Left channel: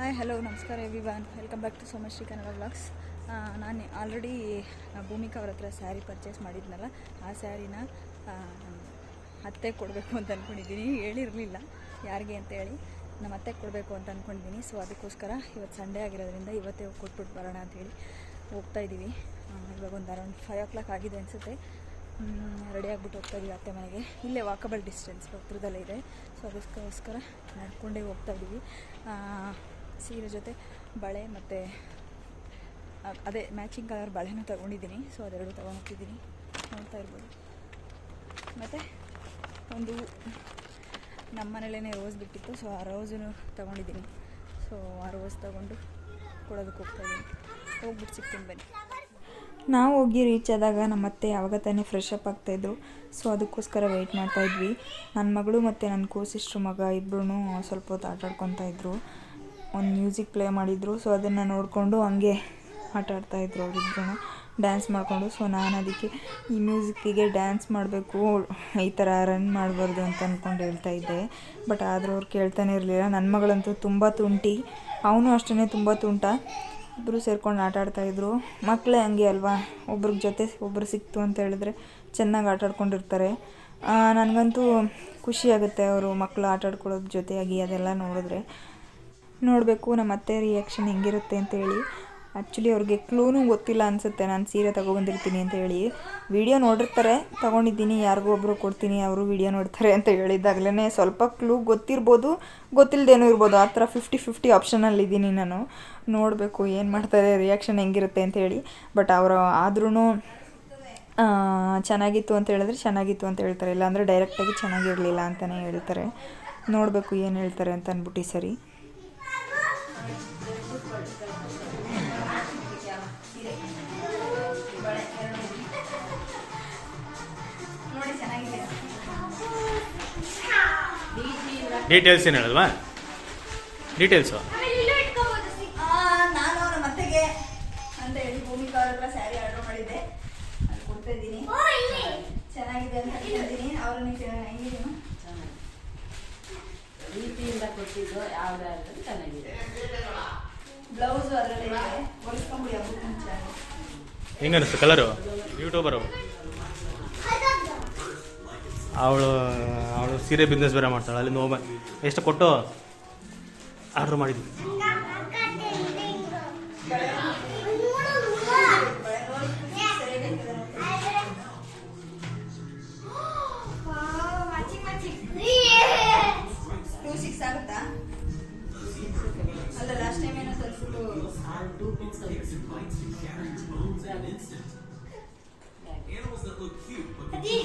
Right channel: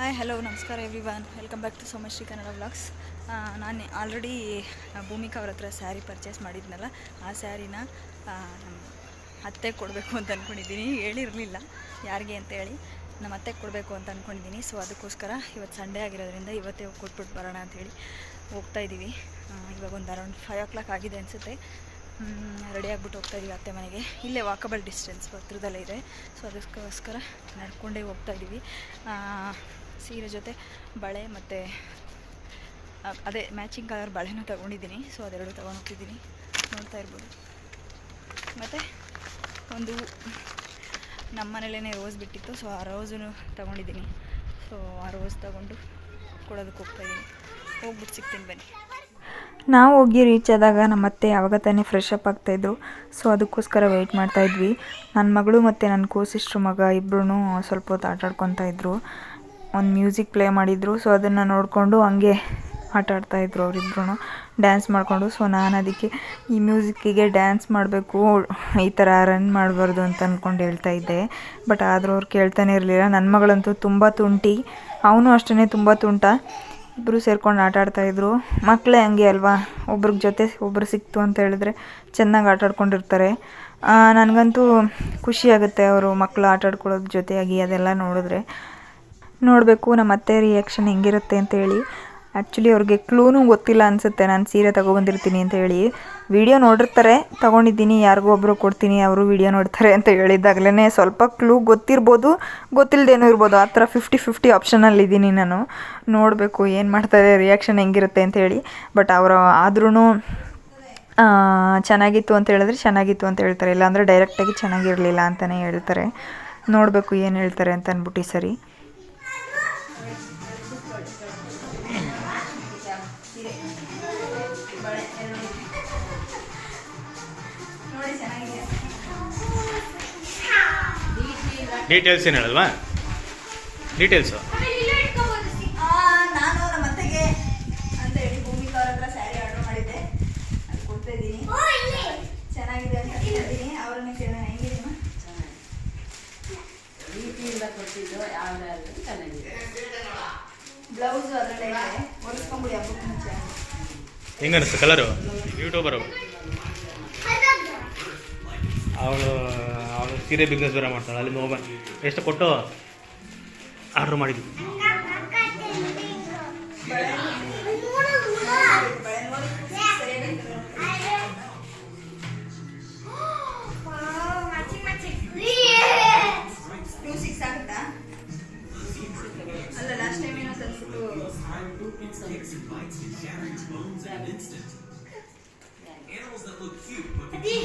Hi hello ನಮಸ್ಕಾರ everyone welcome back to Somashree Kannada vlogs ನಾನು already Bhoomika ಅವ್ರ ಹತ್ರ ಸ್ಯಾರಿ ಪರ್ಚೇಸ್ ಮಾಡಿದ್ನಲ್ಲ, ಆ ಸ್ಯಾರಿನ ನಮ್ಮ ಅತ್ತೆ ಕೊಡಬೇಕು ಅಂತ ಅಂದ್ಕೊಂಡಿದ್ದೀನಿ ಹೇಳಿರಲಿಲ್ಲ ಯಾರಿಗೆ ಅಂತ ಹೇಳಿ. ನಮ್ಮ ಅತ್ತೆಗೆ ಕೊಡಬೇಕು ಅಂತ ಅಂದ್ಕೊಂಡಿದ್ದೀನಿ ಸೊ ಅದಕ್ಕೋಸ್ಕರ ಇವತ್ತು ಸಂಡೇ ಆಗಿರೋದ್ರಿಂದ ಇವತ್ತೇ ಹೋಗಿ ಕೊಟ್ಬಿಟ್ಟು ಬರೋಣ ಅಂಥೇಳಿ ಹೋಗ್ತಾ ಇದ್ದೀವಿ ಇವಾಗ ಒಂದು ಅರೌಂಡ್ ಫೈವ್ ಓ ಕ್ಲಾಕ್ ಆಗಿದೆ ಅನಿಸುತ್ತೆ. ರೆಡಿ ಆಗಿಬಿಟ್ಟು ಹೋಗ್ತಾ ಇದೀವಿ ಅತ್ತೆ ಮನೆಗೆ. ಇಲ್ಲೇ ವಾಕಬಲ್ ಡಿಸ್ಟೆನ್ಸ್ ಹತ್ರದಲ್ಲೇ ಇದೆ. ಸೊ ಅದಕ್ಕೋಸ್ಕರ ನಡ್ಕೊಂಡೇ ಹೋಗ್ತಾ ಇದ್ದೀವಿ ಸೀರೆ ಜೊತೆ ಬಳೆ ಮತ್ತು ಅದೇ ಮ್ಯಾಚಿಂಗ್ ಕಲರ್ ಬಳೆನೂ ತೊಗೊಂಡಿದ್ದೀನಿ. ಸೊ ಅದೆರಡು ತೊಗೊಂಡು ಹೋಗ್ತಿದ್ದೀನಿ ನೋಡ್ತಾ ಇರ್ಬೋದು. ಮತ್ತು ಒಂದು ನಮ್ಮ ಮನೇಲೇ ರೋಸ್ ಬಿಟ್ಟಿತ್ತು. ಸೊ ಆ ರೋಸನ್ನು ತೊಗೊಂಡಿದ್ದೀನಿ. ಸೊ ಆ ರೋಸ್ ತೊಗೊಂಡು ಕೊಡೋದಕ್ಕೆ ಹೋಗ್ತಾಯಿದ್ದೀನಿ ಹೋಗ್ಬಿಟ್ಟು ಸಿಗ್ತೀನಿ ಬನ್ನಿ. ನಾವು ಹೋಗಿ ರೀಚ್ ಆದಾಗ ನಮ್ಮ ಅತ್ತೆ ಯಾವಾಗ ತಾನೇ ಫ್ರೆಶ್ ಅಪ್ ಆಗ್ತಾಯಿದ್ರು ಸೊ ಅದಕ್ಕೋಸ್ಕರ ವೆಯ್ಟ್ ಮಾಡ್ತಾಯಿದ್ವಿ ನನ್ನ ಮಗಳು ಮತ್ತು ನನ್ನ ಕೋಸಿಸ್ಟ್ರು ಮಗ ಇಬ್ಬರೂ ಸ್ವಲ್ಪ ಹೊತ್ತು ಆಟ ಆಡ್ಕೊತಾ ಇದ್ರು. ಒಂದು ಮ್ಯೂಸಿಕ್ ಪ್ಲೇ ಮಾಡಿದರು. ಸೊ ಅದನ್ನು ನೋಡಿಕೊಂಡು ಹಂಗೆ ಆಟ ಆಡ್ತಾಯಿದ್ರು ಅವರಿಬ್ರು ಡ್ಯಾನ್ಸ್ ಮಾಡಿಕೊಂಡು. ಸೊ ನಾನು ಅದಕ್ಕೆ ಈ ಮ್ಯೂಸಿಕ್ಕಿಗೆ ಡ್ಯಾನ್ಸ್ ಮಾಡಬೇಕು, ಈ ಥರ ರನ್ ಮಾಡಬಾರ್ದು ಅಂತ ಅಂದ್ಕೊಂಡು ಹೇಳ್ತಾ ಇದ್ದೆ. ಬಟ್ ಆದರೂ ಅವ್ರು ಕೇಳ್ತಾನೆ ಇರಲಿಲ್ಲ. ನನ್ನ ಮಗಳಂತೂ ತುಂಬ ತುಂಟಿ. ಅವನು ಅಷ್ಟೇ ತುಂಬ ತುಂಟ. ಇಬ್ಬರು ಸೇರ್ಕೊಂಡು ಆಟ ಆಡ್ತಾಯಿದ್ರು ಮಕ್ಕಳೇ ಹಂಗೆ ಅಲ್ವಾ? ಒಬ್ರ ಜೊತೆ ಒಬ್ರು ಸಿಕ್ತು ಅಂತ ಹೇಳಿದ್ರೆ ಚೆನ್ನಾಗಿ ಆಟ ಆಡ್ಕೊಂಡಿರ್ತಾರೆ. ನನಗಂತೂ ಖುಷಿ ಆಗುತ್ತೆ ಅವರು ಮಕ್ಕಳು ಆಟ ಜೊತೆಯಾಗಿ ಅದೆಲ್ಲ ನೋಡಿದ್ರೆ. ನೋಡಬೇಕು ನಮ್ಮ ಅತ್ತೆ ರಿಯಾಕ್ಷನ್ ಹೆಂಗಿರುತ್ತೆ ಅಂತ ಹೇಳಿ. ಆ್ಯಕ್ಚುಲಿ ಅವ್ರಿಗೆ ಕ್ಲೂನೂ ಗೊತ್ತಿಲ್ಲ ಅನಿಸುತ್ತೆ. ನಾನು ಸೀರೆ ತೊಗೊಬಂದಿರ್ತೀನಿ ಅಂತ ಹೇಳಿ. ವಿಡಿಯೋ ನೋಡಿರ್ತಾರೆ, ತೊಗೊಂಡಿದ್ದೀನಿ, ಯಾರಿಗೂ ಒಬ್ಬರು ಕೊಡ್ತೀನಿ, ಅವರು ವಿಡಿಯೋ ನೋಡ್ತಾರೆ ಅಂತ ಹೇಳಿದಾಗಲೇ ಸ್ವಲ್ಪ ಕ್ಲೂ ಗೊತ್ತಿರ್ಬೋದು ಗೊತ್ತಿಲ್ಲದೇನೂ ಇರ್ಬೋದು. ಆ ಥರ ಫಿಫ್ಟಿ ಫಿಫ್ಟಿ ಆಪ್ಷನಲ್ಲಿದ್ದೀನಿ ನಾನು. ನೋಡಬೇಕು ಏನು ಮಾಡ್ತಾರೆ ರಿಯಾಕ್ಷನ್ ಹೆಂಗಿರುತ್ತೆ ಅಂತ ಹೇಳಿ. ಬಟ್ ಅವರು ಆದ್ರೂ ಚೆನ್ನಾಗಿತ್ತು ಅಂತ ಹೇಳಿದ್ರೆ ಚೆನ್ನಾಗಿತ್ತು ಅಂತ ಹೇಳ್ತಾರೆ. ಇಲ್ಲಾಂದರೆ ಡೈರೆಕ್ಟಾಗಿ ಚೆನ್ನಾಗಿರಲಿಲ್ಲ ಅಂತಲೇ ಹೇಳ್ತಾರೆ. ನೋಡಬೇಕು ಏನು ಹೇಳ್ತಾರೆ ಅಂತ ಅಂದ್ಬಿಟ್ಟು ಸರಿ. ಡೀಟೇಲ್ಸ್ ಏನು ಹೇಳಲ್ವಾ? ಡೀಟೇಲ್ಸು ನಾನು ನಮ್ಮ ಅತ್ತೆಗೆ ಅಂತ ಹೇಳಿ ಭೂಮಿಕಾ ಅವ್ರ ಹತ್ರ ಸ್ಯಾರಿ ಆರ್ಡರ್ ಮಾಡಿದ್ದೆ ಅದು ಕೊಡ್ತಾ ಇದ್ದೀನಿ ಚೆನ್ನಾಗಿದೆ ಅಂತ ಹೇಳ್ತೀನಿ ಅವ್ರನ್ನ ಹೆಂಗಿದೀನ ರೀತಿಯಿಂದ ಕೊಟ್ಟಿದ್ದು ಯಾವ್ದಾದ್ರು ಚೆನ್ನಾಗಿದೆ. ಬ್ಲೌಸ್ ಅದರಲ್ಲೇ ಇದೆ. ಹೊಲಿಸ್ಕೊಂಬಿಡಿ ಹಬ್ಬಕ್ಕೆ ಮುಂಚೆ. ಹೆಂಗ ಅನಿಸ್ತು ಕಲರು ಯೂಟ್ಯೂಬರು ಅವಳು ಅವಳು ಸೀರೆ ಬಿಸ್ನೆಸ್ ಬೇರೆ ಮಾಡ್ತಾಳೆ ಅಲ್ಲಿಂದ ಹೋಗ್ಬನ್ ಎಷ್ಟು ಕೊಟ್ಟು? ಆರ್ಡ್ರ್ ಮಾಡಿದ್ವಿ ಅಲ್ಲಿ video instant. Animals that look cute but be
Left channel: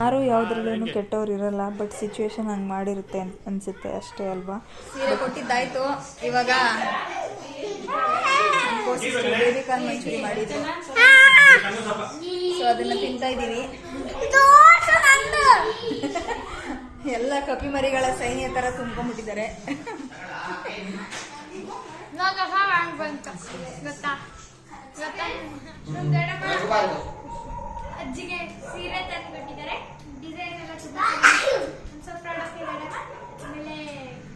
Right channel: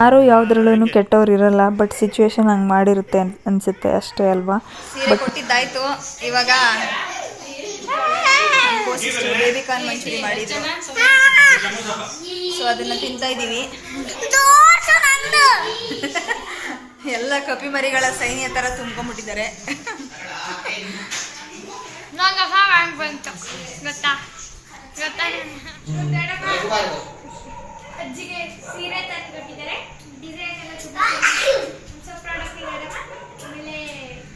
ಯಾರು ಯಾವುದ್ರಲ್ಲೂ ಕೆಟ್ಟವ್ರು ಇರಲ್ಲ ಬಟ್ ಸಿಚುವೇಶನ್ ಹಂಗ್ ಮಾಡಿರುತ್ತೆ ಅನ್ಸುತ್ತೆ ಅಷ್ಟೇ ಅಲ್ವಾ? ಸೀರೆ ಕೊಟ್ಟಿದ್ದಾಯ್ತು ಇವಾಗ ಬೇಬಿ ಕಾರ್ನ್ ಮಂಚೂರಿ ಮಾಡಿದ್ರು ಸೊ ಅದನ್ನ ತಿಂತಾ ಇದ್ದೀವಿ. ಎಲ್ಲ ಕಪಿ ಮರಿಗಳ ಸೈನ್ಯ ತರ ತುಂಬ್ಕೊಂಡ್ಬಿಟ್ಟಿದ್ದಾರೆ ಅಜ್ಜಿಗೆ ಸೀರೆ ತಂದು ಡಿಸೈನ್ ಎಲ್ಲ ತುಂಬ ಸ್ವಲ್ಪ ಪ್ರಾಡಕ್ಟ್ ಇದೆ ಆಮೇಲೆ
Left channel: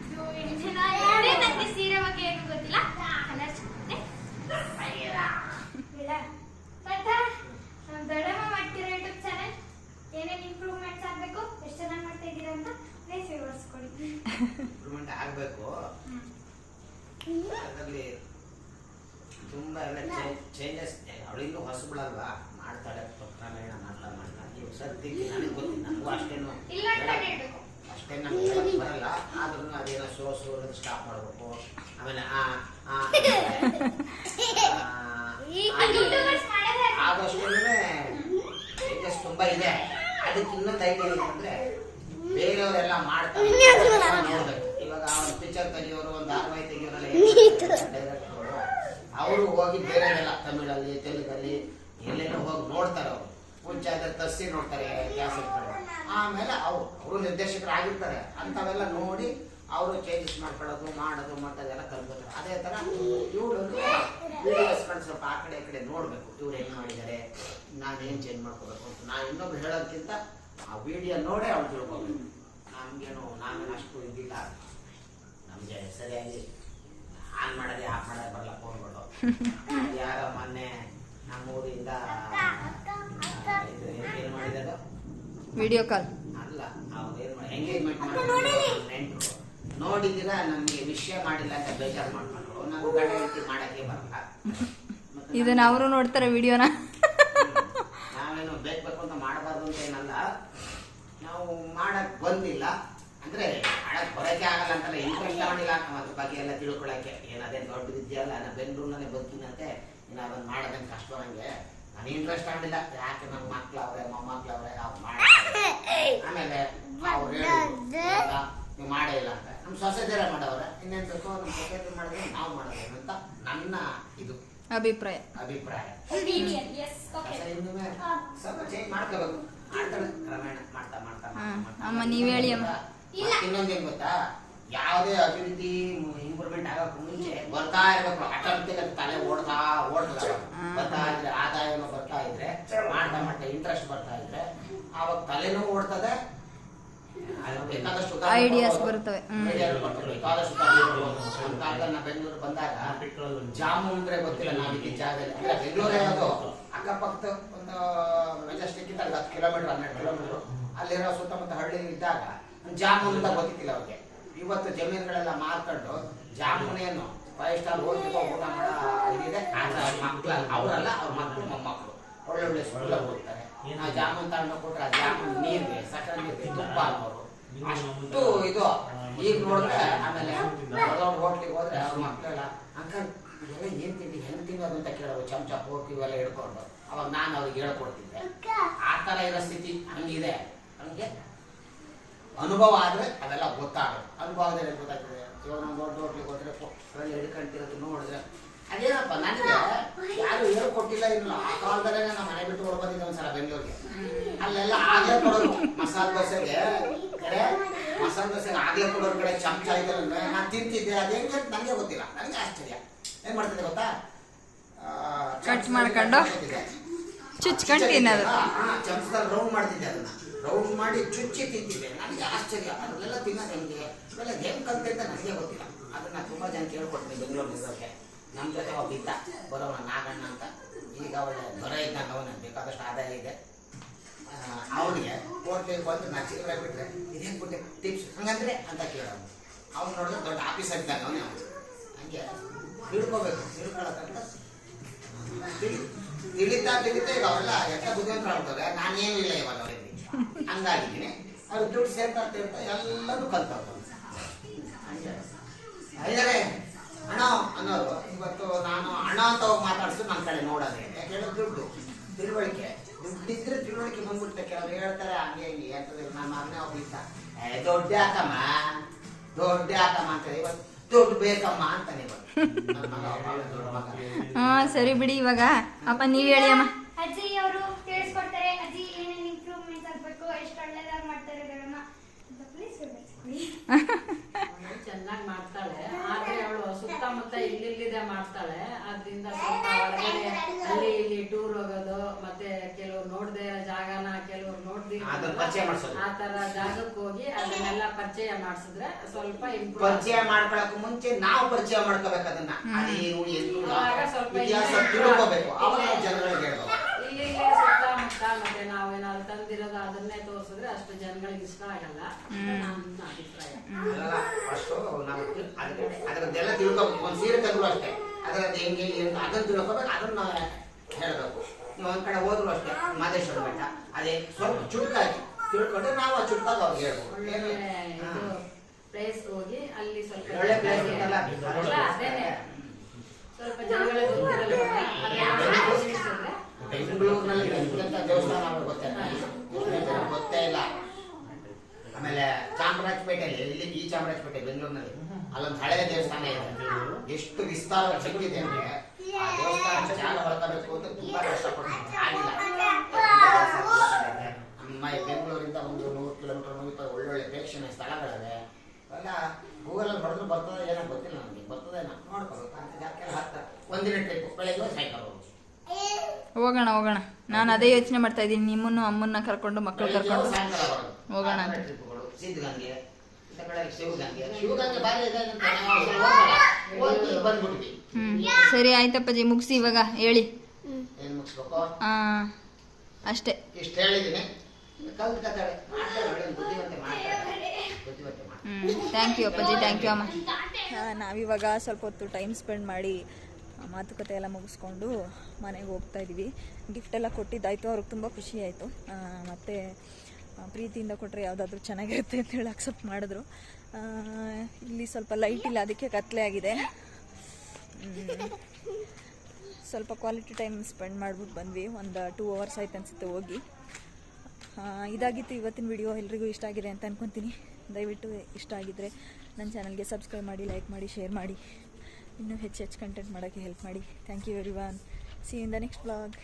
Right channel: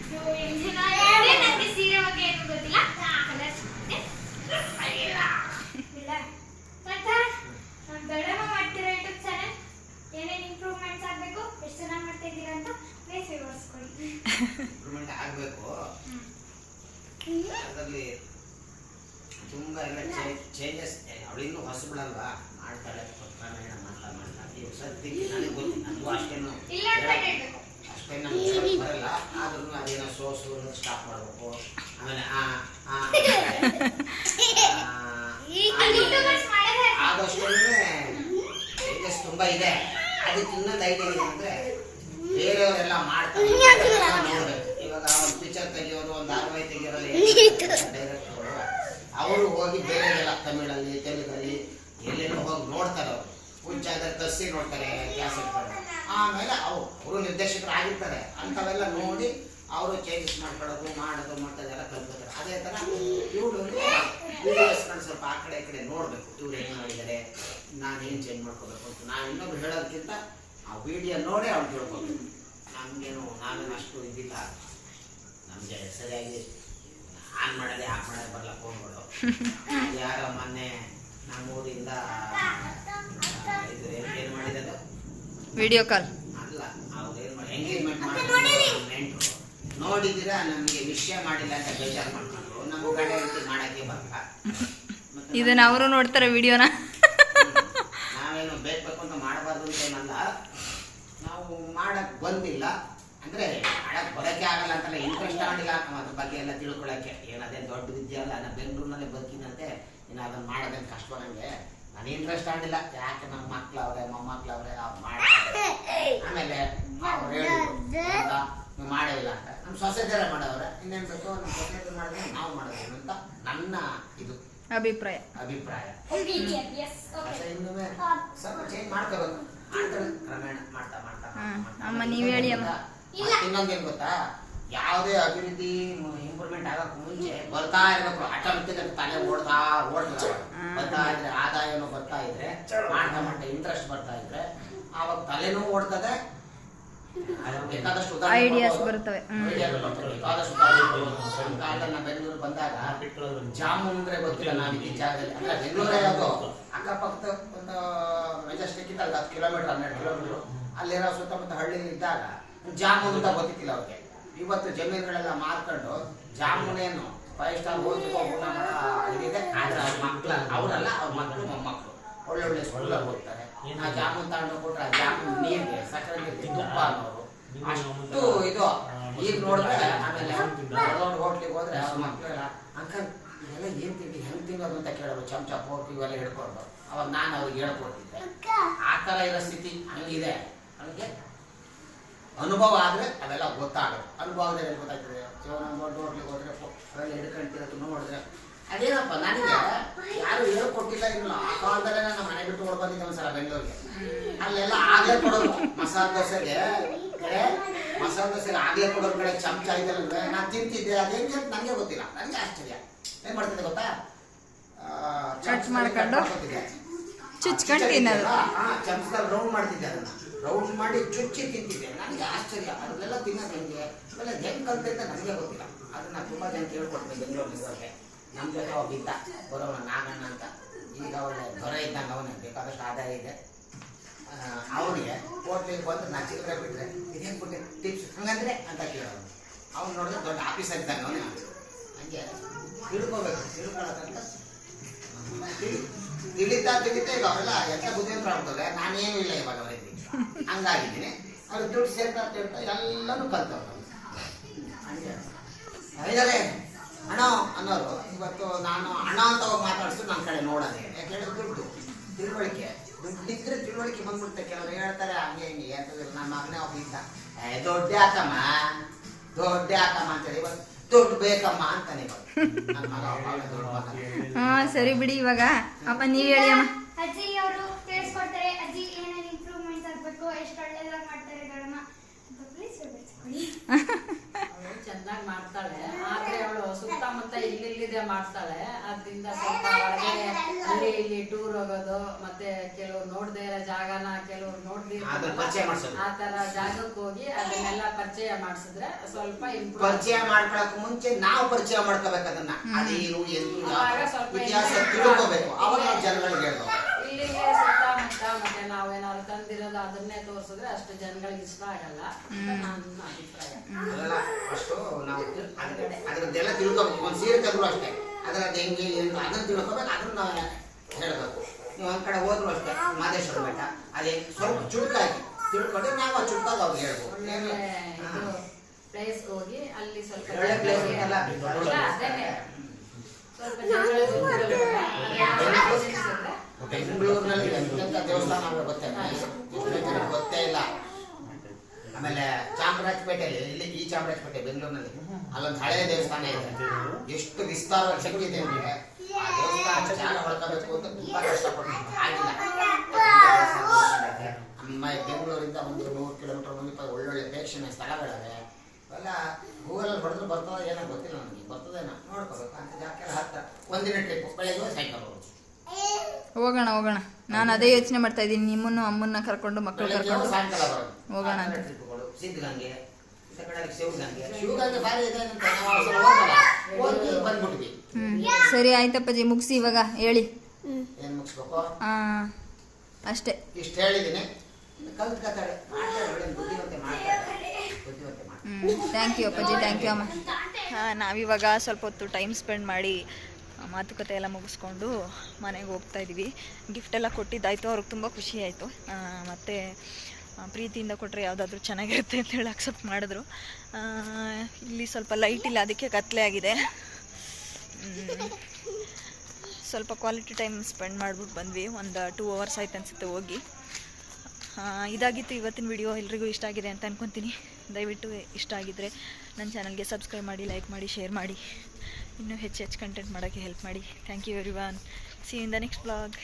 ಇದು ಏನೇನೋ ಇದೆ ನನಗೆ ಸೀರೆ ಬಗ್ಗೆ ಏನು ಗೊತ್ತಿಲ್ಲ ಕಲರ್ ಚೆನ್ನಾಗಿದೆ ಇಲ್ಲ ಮತ್ತೆ ನಮ್ಮ ದೊಡ್ಡಮ್ಮ ಮಾಡ್ತಿರೋ ಯೂಟ್ಯೂಬ್ ಚಾನಲ್ ಏನೇನು ಇಂಪ್ರೂವ್ಮೆಂಟ್ಸ್ ಆಗಬೇಕು ಎಷ್ಟು ಚೆನ್ನಾಗಿ ಮಾಡ್ತಾ ಇದ್ದೀರಾ ಅಂತ ಪ್ಲೇಸ್ ವಿವರಿಸ್ಕೊಡಿ ಇಂಪ್ರೂವ್ಮೆಂಟ್ ಆಗಬೇಕು. ಅದರಲ್ಲಿ ತುಂಬ ಎಲ್ಲ ಚೇಂಜಸ್ ಅವಳಿನ್ನೂ ಹೊಸಬಿಡಲ್ವಾ ಮಾಡ್ತಾಳೆ ಕ್ರಮೇಣ ಮಾಡ್ತಾ ಮಾಡ್ತಾ ಈಗ ಸದ್ಯಕ್ಕೆ ನನಗೆ ಗೊತ್ತಿಲ್ಲ. ನನಗೂ ಅಷ್ಟೇನು ಅಷ್ಟೇ ನಮ್ಗೆ ಬರಲ್ಲ. ಆದ್ರೂ ಅದೇನೋ ಸೋಸು ಅನ್ನೋದು ಸ್ಟಾಪ್ ಮಾಡಬೇಕು. ಆಮೇಲೆ ಆ ಆದಷ್ಟು ಚೇಂಜಸ್ ತುಂಬ ಇದೆ ಅದಕ್ಕೆ ಇನ್ನೊಂದು ಐಡಿಯಾ ಇದೆ. ಅಂದರೆ ಮಾಡ್ತಾರೆ. ನೋಡ್ಬೇಕು ಇವಾಗ ಒಂದು ಪಿಕ್ಚರ್ ತೆಗಿಯೋರು ಒಂದು ಧಾರಾವಾಹಿ ತೆಗಿಯೋರಲ್ಲಿ ಅವರು. ಹೋಗಿ ಬೇರೆದೆಲ್ಲ ತಮಿಳಲ್ಲಿ ತೆಲುಗಲ್ಲಿ ಎಲ್ಲೇನೋ ಹೋಗಿ ನೋಡ್ತಾರೆ ಅವರು. ಮುಂಚೆ ಅದರ ತರಿಸಿ ನೋಡ್ತಾರೆ ಕ್ಯಾಸೆಟ್ಗಳು ಆಮೇಲೆ ಅವರು ಅವರು ನಿರ್ದೇಶಕರು ಆಗಿರ್ತಾರೆ. ಅಂಥವೆಲ್ಲ ನೋಡಿ ಅವರು ಚೇಂಜಸ್ ಮಾಡ್ಕೊಳ್ಳೋದು ಮಾಡೋದು ಮಾಡೋದೆಲ್ಲ ಕಲ್ತ್ಕೋತಾರೆ. ಅದೇ ಥರ ಸ್ವಲ್ಪ ಆ ಕಡೆ ಈ ಕಡೆ ನೋಡಬೇಕು. ಇವ್ರು ಹೆಂಗೆ ಮಾಡಿದ್ದಾರೆ ನಾನು ಏನು ಚೇಂಜ್ ಮಾಡ್ಕೋಬೇಕು ಅಂತ. ನಾನು ಇನ್ನೊಬ್ರು ಹೇಳೋದಕ್ಕಿಂತ ಆ ವಿಡಿಯೋ ನೋಡೇ ಅವ್ರು ತಿಳ್ಕೊಬೇಕು. ನಮಗೇನು ನಾವೇನು ಅಷ್ಟು ಇದಿಲ್ಲ. ನಮಗೆ ಸರಿಯಾಗಿ ಆನ್ ಮಾಡೋದೇ ಆಫ್ ಮಾಡೋದೇ ಬರಲ್ಲ ಫೋನ್ಗಳು ಯಾರ ಮೊನ್ನೆ ನಮ್ಮ ಊರಿಂದ ಇದು ಏನು ಮಾಡಿದ್ದು ವಿಡಿಯೋ ಕಾಲ್ ಅಲ್ಲ ಅವ್ರು ಏನು ಮಾಡಿ ಎಂಗೇಜ್ಮೆಂಟ್ ಮಾಡಿದ್ರು ನಮಗೆ ವಿಷಯ ಮಾಡಿಲ್ಲ ಅಂತ ಬೇಜಾರು ಮಾಡ್ಕೊಂಡ್ರು. ನಮಗೆ ಗಂಡ ಮಾಡಕ್ಕೆ ಬರಲ್ಲ ಇದನ್ನ ಅವರು ನೋಡ್ತಾರೆ ವಿಡಿಯೋನ ನಾವೇನು ಬೇಕು ಬೇಕು ಅಂತ ಮಾಡಬಾರ್ದು ಅಂತ ಏನಲ್ಲ ನಾವು ಮಾಡಕ್ ಬಂದಿಲ್ಲ ಅಂದ್ರೆ ಮಾಡಕ್ ಬರಕ್ಕೆ ಆಗಲ್ಲ ಅಂತಲ್ಲ ಇಂಟ್ರೆಸ್ಟ್ ತಗೊಂಡಿಲ್ಲ ನಾವು ಅದ್ರ ಬಗ್ಗೆ ಎಲ್ಲ ತಿಳ್ಕೊಳಕ್ಕೆ ಏನದೇ ದೊಡ್ಡ ವಿದ್ಯೆ ಅಲ್ಲ ನಾನು ಬೆಂಗಳೂರಿನಲ್ಲೇ ಬರ್ತೀನಂತೆ ನೀನು ಅದನ್ನು ಮಾಡೋದೇನು ಕಷ್ಟ ನನಗೆ ನಾನು ಇಂಟ್ರೆಸ್ಟ್ ಆಗಿಲ್ಲ ಯಾಕೆ ನಮ್ಮ ಮಕ್ಳವ್ರೆ ಮೊಮ್ಮಕ್ಳವ್ರೆ ಅವ್ರು ಮಾಡ್ತಾರೆ. ಆಮೇಲೆ ಅವ್ರು ಹೇಳಿದ್ರು ನೀವು ಮಾಡೇ ಇಲ್ಲ ಅಂತ. ನಮ್ಮ ಸೊಸೈಟಿಯರ ಮಾಡೋವ್ರೆ. ಇನ್ನೇನು ಬೇಕು ನಮ್ಮ ಸೊಸೈಟಿ ಮಾಡಿದ್ರೆ ನಾವು ಮಾಡೋದೇನು ಅಂತ ನನ್ನ ಇದು. ಅಭಿಪ್ರಾಯ. ಅಭಿಪ್ರಾಯ. ಸ್ವಲ್ಪ ಚೇಂಜ್ ಮಾಡ್ಕೋಬೇಕು. ಮಾಡ್ತಾರೆ. ಕ್ರಮೇಣ ಮಾಡ್ತಾ ಮಾಡ್ತಾ. ಮಾಡ್ತಾ, ಇನ್ನೊಂದೇನು ಅಮ್ಮ, ನೀವ್ ಹೇಳಿ ಅಮ್ಮ. ಮತ್ತೆ ಇನ್ನೊಂದೇನ್ ಗೊತ್ತಾ? ಯಾವುದೇ ಅಭಿವೃದ್ಧಿ ಇಂಪ್ರೂವ್ಮೆಂಟ್ ಆಗಕ್ಕೆ ಮುಂಚೆ ಬರ್ತಾ ಇರಬೇಕು. ಆಟೋಮೆಟಿಕ್ ತಲೆ ಓಡ್ತಾ ಓಡ್ತಾ. ಬರ್ತಾ ಇದ್ರೆ ಆದಾಯನೂ ಬರ್ತಾ ಇದ್ರೆ ಮಾಡ್ತಾ ಮಾಡ್ತಾ ಇಂಟ್ರೆಸ್ಟ್ ಬರ್ತಾ ಇದ್ರೆ ಆವಾಗ ತಲೆನೂ ಓಡ್ತದೆ. ಬೇಕಾದಷ್ಟು ಐಡಿಯಾಸ್. ಬರ್ತವೆ. ಬೇಕಾದಷ್ಟು ಕಾಲದಲ್ಲಿ ಬೆಂಗಳೂರು ಬಂದಾಗ ಜಾಮು ಅಂದ್ರೆ ಗೊತ್ತಿಲ್ಲ ನಾವಿದ್ದ ಜಾಗದಲ್ಲಿ. ಅಂದ್ರೆ ಬೆಂಗಳೂರೇ ಅದು. ಅಕ್ಕಪಕ್ಕದ ಒಂದು ಮೆಜೆಸ್ಟಿಕ್ ಇದ್ದಾಗ ಹತ್ತು ಕಿಲೋಮೀಟರ್ ಹನ್ನೆರಡು ಕಿಲೋಮೀಟರ್ ಅಲ್ಲಿರೋ ಸುತ್ತಮುತ್ತ ಹಳ್ಳಿ ಇದ್ದಾಗ ಜಾಮೂನ್ ಅಂತ ಗೊತ್ತಿಲ್ಲ ಅವ್ರಿಗೆ. ಇವತ್ತು ಜಮೀನುಗಳೆಲ್ಲ ಮಾರ್ಕೊಂಡು ಜಾಮೂನೇನು ಏನು ಫೈವ್ ಸ್ಟಾರ್ ಹೋಗಿ ಊಟ ಮಾಡಿದೆ ಇದಿದೆ. ಆದ್ರೆ ಅವ್ರ ಮಕ್ಳ ಅವರಲ್ಲ ಅವ್ರ ಮಕ್ಕಳು ಮೊಮ್ಮಕ್ಕಳು ಒಳ್ಳೊಳ್ಳೆ ಸ್ಕೂಲಲ್ಲಿ ಹೋಗ್ತಾರೆ. ಆ ಜಾಮೂನ್ ತಗೊಂಡು ಕೊಟ್ರೆ ಆ ಜಾಮೂನ್ ನೀರಿಗೆ ಸಕ್ಕರೆ ನೀರಿಗೆ ತುಪ್ಪ ಅನ್ನೋರು. ಅಷ್ಟು ಇದು. ಈಗ ನೋಡಿದ್ರೆ ಆಮೇಲೆ ದೊಡ್ಡ ಹೋಟ್ಲಿಗೆ ಹೋದ್ರೆ ಅವ್ರ ಮಕ್ಕಳೆಲ್ಲ ಅಂಕಲ್ ಇದೆಲ್ಲ ಏನ್ ತಿಂಡಿ ಹೆಂಗ್ ತಿನ್ನೋದು? ಅಂತ ಕೇಳೋದು. ಚಮಚ ಫೋರ್ಕ್ ಇವೆಲ್ಲ ಹಿಡ್ಕೊಂಡು. ಅವಾಗ ನಾನು ಅವ್ರಿಗೆ ಹೇಳ್ಕೊಡ್ತಿದ್ದೆ. ಆ ತರ ಇರೋ ಸ್ಥಿತಿ ಹಂಗಿದೆ. ಹಂಗೆ ಅನುಭವ ಆದರೆ ಅವೆಲ್ಲ ಗೊತ್ತಾಗುತ್ತೆ. ಅನುಭವದಲ್ಲಿ ಏನು ಗೊತ್ತಾಗ್ತದೆ? ಇವಾಗ ನಾವು ದೊಡ್ಡ ಹೋಟ್ಲಿಗೆ ಹೋದ್ರೆ ಅವೆಲ್ಲ ಹಿಡ್ಕೊಂತಿರೋದು ನೋಡಿದ್ರೆ ಅದೇನಪ್ಪ ನನಗೆ ಯಾರು ಹೇಳ್ಕೊಟ್ಟಿಲ್ಲ ಇಲ್ಲ ಆ ಕಾಲದಲ್ಲೇ ನಮ್ಮ ಮನೆ ಬಿಟ್ಟು ಓಡ್ ಬಂದಿದ್ದೆ ಒಂದ್ಸಲ ಬೆಂಗಳೂರಿಗೆ. ಅಲ್ಲೆಲ್ಲ ಆಗ್ಲೇ ಕೊಡೋರು ಮಸಾಲ ದೋಸೆಗೆ ಕಡೆ ಮಸಾಲೆ ದೋಸೆಗೆ ಆಗ್ಲೇ ಕೊಡೋರ್ ಕಡೆ ಚಮಚ ಇದೆಲ್ಲ ನಾನು ತಿಂತಿದ್ದೆ. ಅದೇಂಗೆ ಅಂತ ನನಗೆ ಗೊತ್ತಿಲ್ಲ. ನನಗೆ ಆಶ್ಚರ್ಯ. ಏನ್ ಮಾಡ್ತಿದ್ದೆ ಗೊತ್ತಾ? ಚಮಚ ಮಾಡ್ಕೊಂಡು? ಹಾಕ್ಕೊತಿದ್ದೆ. ಚುಚ್ಕೊಂಡು ತಿನ್ನೋದು. ಚಮಚದಲ್ಲಿ ರೌಂಡ್ ಮಾಡ್ತಿದ್ದೆ ಅದನ್ನ. ರೌಂಡ್ ಮಾಡಿ ಚುಚ್ಚಿ ತಿಂತಿದ್ದೆ. ನನಗೆ ಆಶ್ಚರ್ಯ. ಅದನ್ನೆಲ್ಲ ತಿನ್ನೋದು ಹೆಂಗೆ? ಇವೆಲ್ಲ ಹೆಂಗ್ ಕಲ್ತೆ ಅಂತ ನನಗೆ ಗೊತ್ತಿಲ್ಲ. ಅದನ್ನ ತುಂಬಾ ಜನ ಕೇಳ್ಕೊಡ್ತೀನಿ ಬೆಂಗಳೂರಿಗೆ ನಮ್ಮ ಜೊತೆ ಒಬ್ಬ ಇದ್ದ. ಬರೋಣ ನಾಗಣ್ಣ ಅಂತ. ಈಗ ಒಳ್ಳೆ ದೊರ ಇದ್ದಂಗೆ ಅವನಿಗೆ ಬೇಕಾದಷ್ಟು ಆದಾಯ ಇದೆ. ಅವನಿಗೆ ಹೋಟ್ಲಿಗೆ ಬಂದು ನಾ ಚಿಲ್ಲರೆ ಬಿಟ್ರೆ ಇದೇನು ಬಿಟ್ಟೆ ಟಿಪ್ಸ್ ಹಂಗಂದ್ರೆ ಅಂತ ಕೇಳೋನು ಅವ್ನು ನೋಡಿದ್ರೆ ದೊಡ್ಡ ಆಫೀಸರ್ ಇದ್ದಾಗ ಅವನೇ ಹಂಗೆ ತಿಳ್ಕೊಬೇಕು. ತಿಳ್ಕೊಳ್ಳೋದಂತ ತಿಳಿ- ತಿಳಿತಾ ತಿಳಿತಾ ಈಗ ಅವೆಲ್ಲ ಎಲ್ಲ ಬುದ್ಧಿವಂತರ ಆಗ್ತದೆ ನಾನೇನು ಇಲ್ಲ ಇವಾಗ ಅವರಿಗೆ. ಹಂಗಾಗಿದ್ದೀನಿ ಅವ್ರು ದುಡ್ಡು ಸೇರ್ತಾ ಇರ್ತಾ ಎಲ್ಲನೂ ಕಲ್ತವ್ರು ಇದಾರೆ ಹಣ ಅನ್ನೋರು, ಇವತ್ತು ನಾನು ಹಣ ಅಂತ ಹೋಗಿ ಮಾತಾಡಿಸ್ತು ನನ್ನ ಕಡೆ ನೋಡೋದೆ. ಯಾಕೆ ದುಡ್ಡು, ತಿಳುವಳಿಕೆ. ದುಡ್ಡಿದ್ರೆ ತಿಳುವಳಿಕೆ ಬಂದ್ಬಿಡುತ್ತೆ. ಕೆಲವರು ಹೇಳ್ತಾರೆ, ಹಂಗೆ ಹಿಂಗೆ ಯಾಕಂದ್ರೆ ನನ್ನ ಮಗನೇ ಹೋಗಿದ್ದ ಏ, ದೊಡ್ಡ ಯಾಕಮ್ಮ ದೊಡ್ಡ ಯಾಕಮ್ಮ ಅಂತೇಳಿ ಇವತ್ತು ದುಡ್ಡು ಬೇಕಮ್ಮ ಅಂತಾನೆ ಇವತ್ತು. ಹಾ, ಸರಿ ಬಿಡಿ ಇವಾಗ. ಅಪ್ಪ, ನೀವ್ ಹೇಳಿ ಅಮ್ಮ ಅಜ್ಜಿ ಅವರು ತಿಳಿಸ್ಕೊಡ್ತಾರೆ ಅಜ್ಜಿ ಏನೇನು ಇಂಪ್ರೂವ್ಮೆಂಟ್ಸ್ ಆಗ್ಬೇಕು ಎಷ್ಟು ಒಳ್ಳೇದಾಗಿ ಮಾಡ್ತಾರೆ ಗಣಮ ಅಂತ ಪ್ಲೀಸ್ ಹೇಳ್ಕೊಡಿ ಅವಳು ಚೆನ್ನಾಗಿ ಮಾಡ್ತಾಳೆ. ಆದ್ರೆ ಅವಳು ಸುತ್ತಮುತ್ತ ಇಲ್ಲಿಲ್ಲಿದೆ ಮಾಡ್ತಾಳೆ. ಅದ್ರಿಂದ ಸ್ವಲ್ಪ ಹೊರಗಡೆ ಅಲ್ಲಿ ಇಲ್ಲಿ ಟೂರ್ ಹೋಗೋದು ಮತ್ತೆ ಕೆಲವ್ರು ನೋಡ್ದೇ ಇರೋ ಜಾಗನ ಕೆಲವ್ರು ನೋಡ್ದಿ ಅದ್ರ ಪರಿಚಯ ಮಾಡ್ಸೋದು. ಆ ತರ ಜಾಗಕ್ಕೆ ಹೋಗಿ ಅದನ್ನೆಲ್ಲ ಪರಿಚಯ ಮಾಡಿಸಿದ್ರೆ ಸ್ವಲ್ಪ ಪರಿಚಯ ಮಾಡ್ಕೊಳಕ್ ಮುಂಚೆ ನಾವು ಪರಿಚಯ ಮಾಡ್ಕೋಬೇಕು ಅದನ್ನ ಅದೇನು ಎಂದು ಸ್ವಲ್ಪ ತಿಳ್ಕೋಬೇಕು. ಅವಾಗ ಜನಗಳಿಗೆ ಹೇಳ್ಬೇಕು. ಮತ್ತೆ ನಾವೇನಾದ್ರು ತಂದಿರೋದು ಅದನ್ನೇ ತೋರಿಸಿದ್ರೆ ಅಷ್ಟು ಜನಗಳಿಗೆ ಇಷ್ಟ ಆಗಲ್ಲ. ನನ್ನ ಅಭಿಪ್ರಾಯ. ಅಷ್ಟು ನಾವು ಅದರದ್ದೆಲ್ಲ ತಿಳ್ಕೋಬೇಕು. ಒಂದು ಸೀರೆ ತೆಗೆದ್ರು ಅಷ್ಟೇ. ಅದರದ್ದು ಹೆಂಗೆ ಏನು ಅದನ್ನ ತಿಳ್ಕೋಬೇಕು. ಅದನ್ನ ಹೇಳ್ಬೇಕು. ನೀವು ಒಂದ್ ಕಡೆ ಹೋದ್ರು ಅಷ್ಟೇ. ಮಾದೇಶ್ವರ ಬೆಟ್ಟ. ಅದೇ ಸ್ವಲ್ಪ ಚುಟ್ಕಾಗಿ ತಿಳ್ಕೊಂಡ್ರೆ ನಾವು ಆ ಚುಟ್ಕಾಗ ಅವ್ರಿಗೆ ಹೇಳ್ಬೋದು. ಒಳ್ಳೆ ಪ್ಲೇಸ್ ಹೋಗಿ ಅಲ್ಲಿ ಸ್ವಲ್ಪ ಒಳ್ಳೆ ಪ್ಲೇಸ್ ಅದೇನೆ. ಸ್ವಲ್ಪ ಜನಗಳಿಗೆ ಗೊತ್ತಿರಲ್ಲ ಅದೆಲ್ಲ ಬೆಂಗಳೂರಿನಲ್ಲಿ ಎಂತ ದೇವಸ್ಥಾನ ಗೊತ್ತಾಯ್ತು ಎಷ್ಟೋ ಗೊತ್ತೇ ಇಲ್ಲ. ಆಮೇಲೆ ಚಾಮರಾಜಪೇಟೆಯಲ್ಲಿ ಇಲ್ಲಿ ಈ ಚಾಮರಾಜಪೇಟೆ, ಬೆಂಗಳೂರಿನಲ್ಲಿ ಅಲ್ಲೊಂದು ಹಳೆಯ ದೇವಸ್ಥಾನ ಇದೆ. ಎಷ್ಟು ವಿಸ್ತಾರವಾಗಿ ಶಕ್ತಿದೆ ಅಂದ್ರೆ ಆ ದೇವಸ್ಥಾನ ಜಾಗ ಹೊಡ್ಕೋಬೇಕು ಅಂತ ತುಂಬಾ ಕಷ್ಟಪಟ್ಟು ಆಗಿಲ್ಲ. ನಮ್ಮ ಬೆಂಗಳೂರಿಂದ ಒಂದು ನೂರು ಕಿಲೋಮೀಟರ್ ಮುಂದೆ ಒಳ್ಳೊಳ್ಳೆ ಪ್ರೇಕ್ಷಣೀಯ ಸ್ಥಳಗಳಿವೆ. ಗೂಗಲ್ ಗೂಗಲಲ್ಲಿ ಹೊಡೆದ್ರೆ ಬರ್ತದ ಏನೋ ಗೊತ್ತಿಲ್ಲ ನನಗೆ ಬರ್ತದೇನೋ ನೋಡ್ಕೋಬೇಕು ಅಂತ ಜಾಗಕ್ಕೆಲ್ಲ ಹತ್ತ ಒಂದಿನ ಟ್ರಿಪ್ ಬೆಳಗ್ಗೆ ಸಾಯಂಕಾಲ. ಹೋಗೋಣ ಹೋಗೋಣ. ನಾನು ಅದೇ ಯೋಚನೆ ಮಾಡ್ತಾ ಇದ್ದೀನಿ. ನಿಮ್ಮನ್ನು ಅಮ್ಮನ್ನ ಕರ್ಕೊಂಡು ಮಕ್ಕಳು ಕರ್ಕೊಂಡು. ಹೋಗೋಣ ಅಂತ. ಹ್ಞೂ ಸರಿ ಆಯ್ತಪ್ಪಾಜಿ. ಮುಗಿಸಿ ಇವಾಗ. ಹೇಳಿ. ಹಾಂ ಅಷ್ಟೇ. ಹ್ಞೂ ಥ್ಯಾಂಕ್ ಯು ಅಪ್ಪಾಜಿ. ಥ್ಯಾಂಕ್ ಯು ಅಮ್ಮ. ನಾವಿವಾಗ ಸ್ವಲ್ಪ ಹೊತ್ತು ಟೈಮ್ ಸ್ಪೆಂಡ್ ಮಾಡಿ ಮಾತುಕತೆ ಎಲ್ಲ ಮುಗಿಸ್ಕೊಂಡು ಮನೆಗೆ ಹೋಗ್ತಾ ಇದ್ದೀವಿ. ಗಿಫ್ಟ್ ಎಲ್ಲ ಕೊಟ್ಟಿದ್ದಾಯಿತು, ಅವ್ರಿಗೆ ತುಂಬ ಖುಷಿ ಆಯಿತು. ಮತ್ತು ಪ್ರೀತಿಯಿಂದ ಕೊಟ್ಟರೆ ಯಾವುದಾದ್ರೂ ಚೆನ್ನಾಗಿರುತ್ತೆ ಅಂತ ಹೇಳಿ ಅಕ್ಸೆಪ್ಟ್ ಮಾಡಿದ್ರು. ಇಲ್ಲಿ ಸ್ವಲ್ಪ ಲೈಟ್ ಇಲ್ಲ, ಅದಕ್ಕೆ ಕತ್ಲೆ ಆಗಿದೆ. ಸ್ವಲ್ಪ ಕ್ವಾಲಿಟಿ ಟೈಮ್ ಸ್ಪೆಂಡ್ ಮಾಡಿಬಿಟ್ಟು ಬಂದ್ವಿ. ಒಂದು ಟೂ ಅವರ್ಸ್ ಆಯ್ತು ಅನಿಸುತ್ತೆ ಹೋಗಿ. ಇದಾಗಿತ್ತು ಇವತ್ತಿನ ವಿಡಿಯೋ ಎಲ್ರಿಗೂ ಇಷ್ಟ ಆಗಿದೆ ಅಂತ ಅನ್ಕೊತೀನಿ. ದಯವಿಟ್ಟು ಇಷ್ಟ ಆಗಿದ್ದರೆ ನನ್ನ ಚಾನಲ್ಗೆ ಸಬ್ಸ್ಕ್ರೈಬ್ ಮಾಡಿ ಲೈಕ್ ಮಾಡಿ ಶೇರ್ ಮಾಡಿ. ಇನ್ನೂ ಹೆಚ್ಚು ಹೆಚ್ಚು ಕಂಟೆಂಟ್ ಮಾಡೋಕ್ಕೆ ಹೆಲ್ಪ್ ಮಾಡಿ. Thank you everyone see in the next blog